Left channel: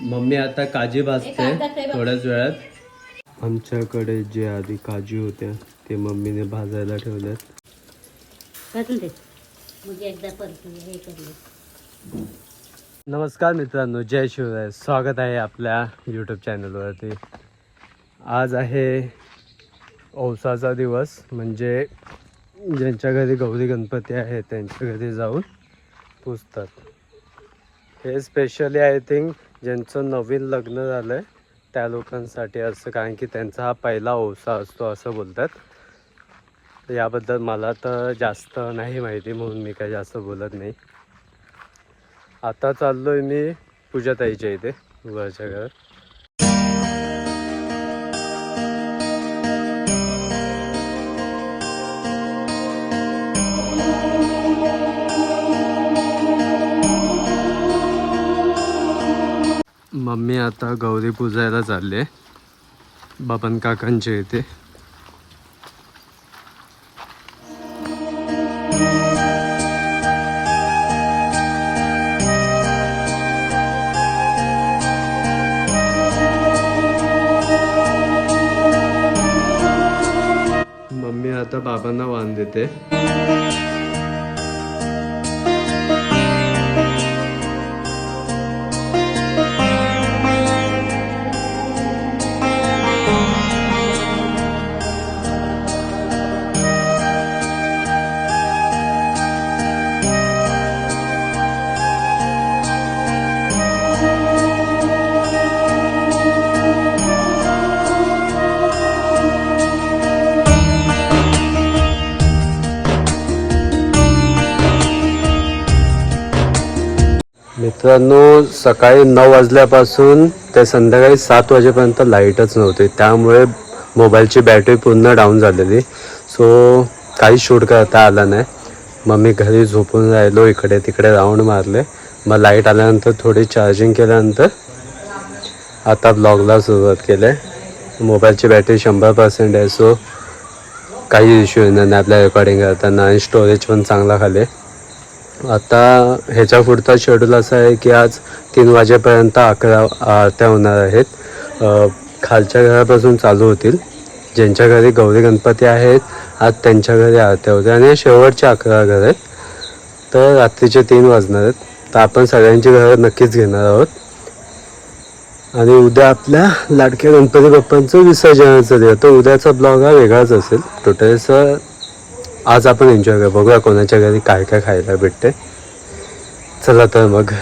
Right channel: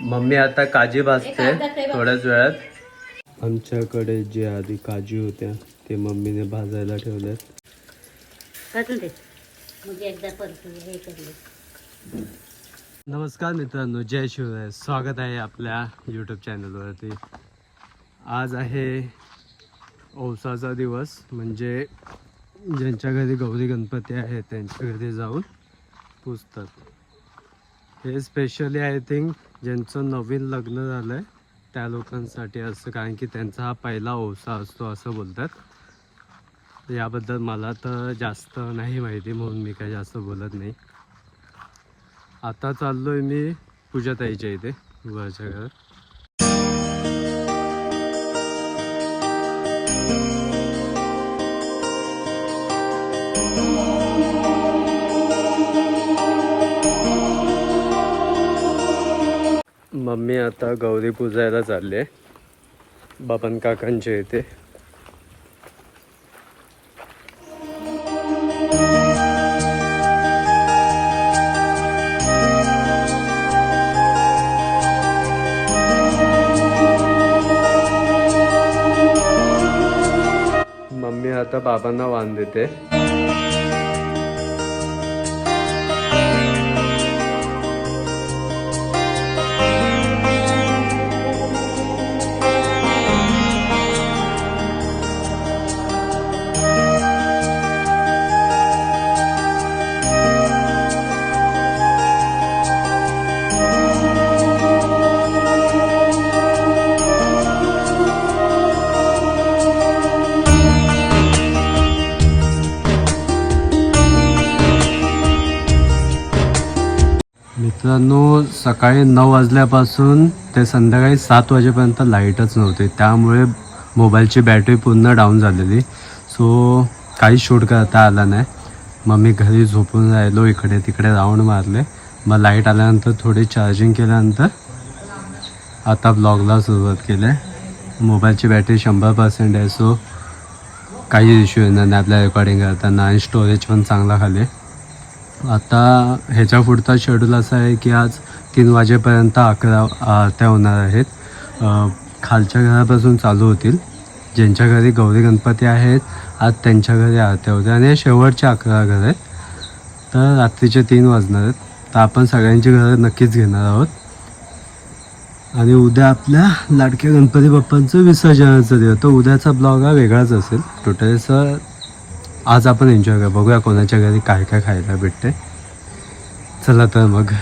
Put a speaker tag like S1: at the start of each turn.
S1: Mummy आता काजी भाजते थोड्याच वेळात. आमच्याकडे जे आधी काजू होत्या ते मम्मीने भाजायला ठेवल्यात. करून दे. मग एकदा परत हे करले नमस्कार मित्रांनो जय शिवराय. स्वागत आहे आपल्या यूट्यूब चॅनलवरती आज आहे औसाचा दिवस म्हणजे ज्यांच्या घरी गौरी गणपती आहे त्यांच्या घरी जाऊन पुजतात. हे स्पेशली आय थिंक ज्यांचं नवीन लग्न झालं आहे त्या लोकांसाठी असं कारण की त्यांचा हा पहिला ओसा असतो असं बोलतात. याबद्दल मला तर जास्त नाही माहिती म्हणून मी काही जास्त बोलत नाही. आता चाललो आहे मी पूजाताईच्या इथे वरच्या घरात. मम्मी आता गौरी पूजायला चालली आहे. बाबन काकांच्या इथे. मम्मी आता बाबांना वाण देते. मित्रांनो सकाळी नऊ वाजल्यापासून ते संध्याकाळी सात वाजेपर्यंत लाईटच नव्हती. त्यामुळे मोबाईलची बॅटरी पूर्ण डाऊन झालेली. सो काही शूट करता आला नाही. मग मी घरी झोपून राहिलो इकडे तिकडे राऊंड मारले. मग लाइट आल्यानंतर थोडी चार्जिंग केल्यानंतर आता ब्लॉगला सुरुवात केली आहे. मोबाईलची बॅटरी शंभर पर्सेंट आहे सो काही इश्यू येणार नाही आपल्या रेकॉर्डिंग करताना. आणि स्टोरेज पण चांगला खाली आता ह्याच्या पुढचा शेड्यूल असा आहे की आज तीन वाजेपर्यंत अकरा आरत्या होणार आहेत. खालच्या घरापासून चालू होतील. ज्यांच्या घरी गौरी गणपती आहेत आज त्यांच्या घरी आरत्या होत्या आणि शेवटचे अकरा घर आहेत. तर रात्रीचे तीन वाजणार आहेत. तर आपण सगळ्यांची घरं नक्कीच घेणार आहोत. आणि उद्या आपल्या लाडक्या गणपती बाप्पांचं विसर्जनाचं दिवस. तर उद्याचा ब्लॉग हा वेगळाच असेल. टोटल सर आज आपण एन्जॉय करू बघूया कोणाच्या घरी काय काय खायला भेटते चला तर मग.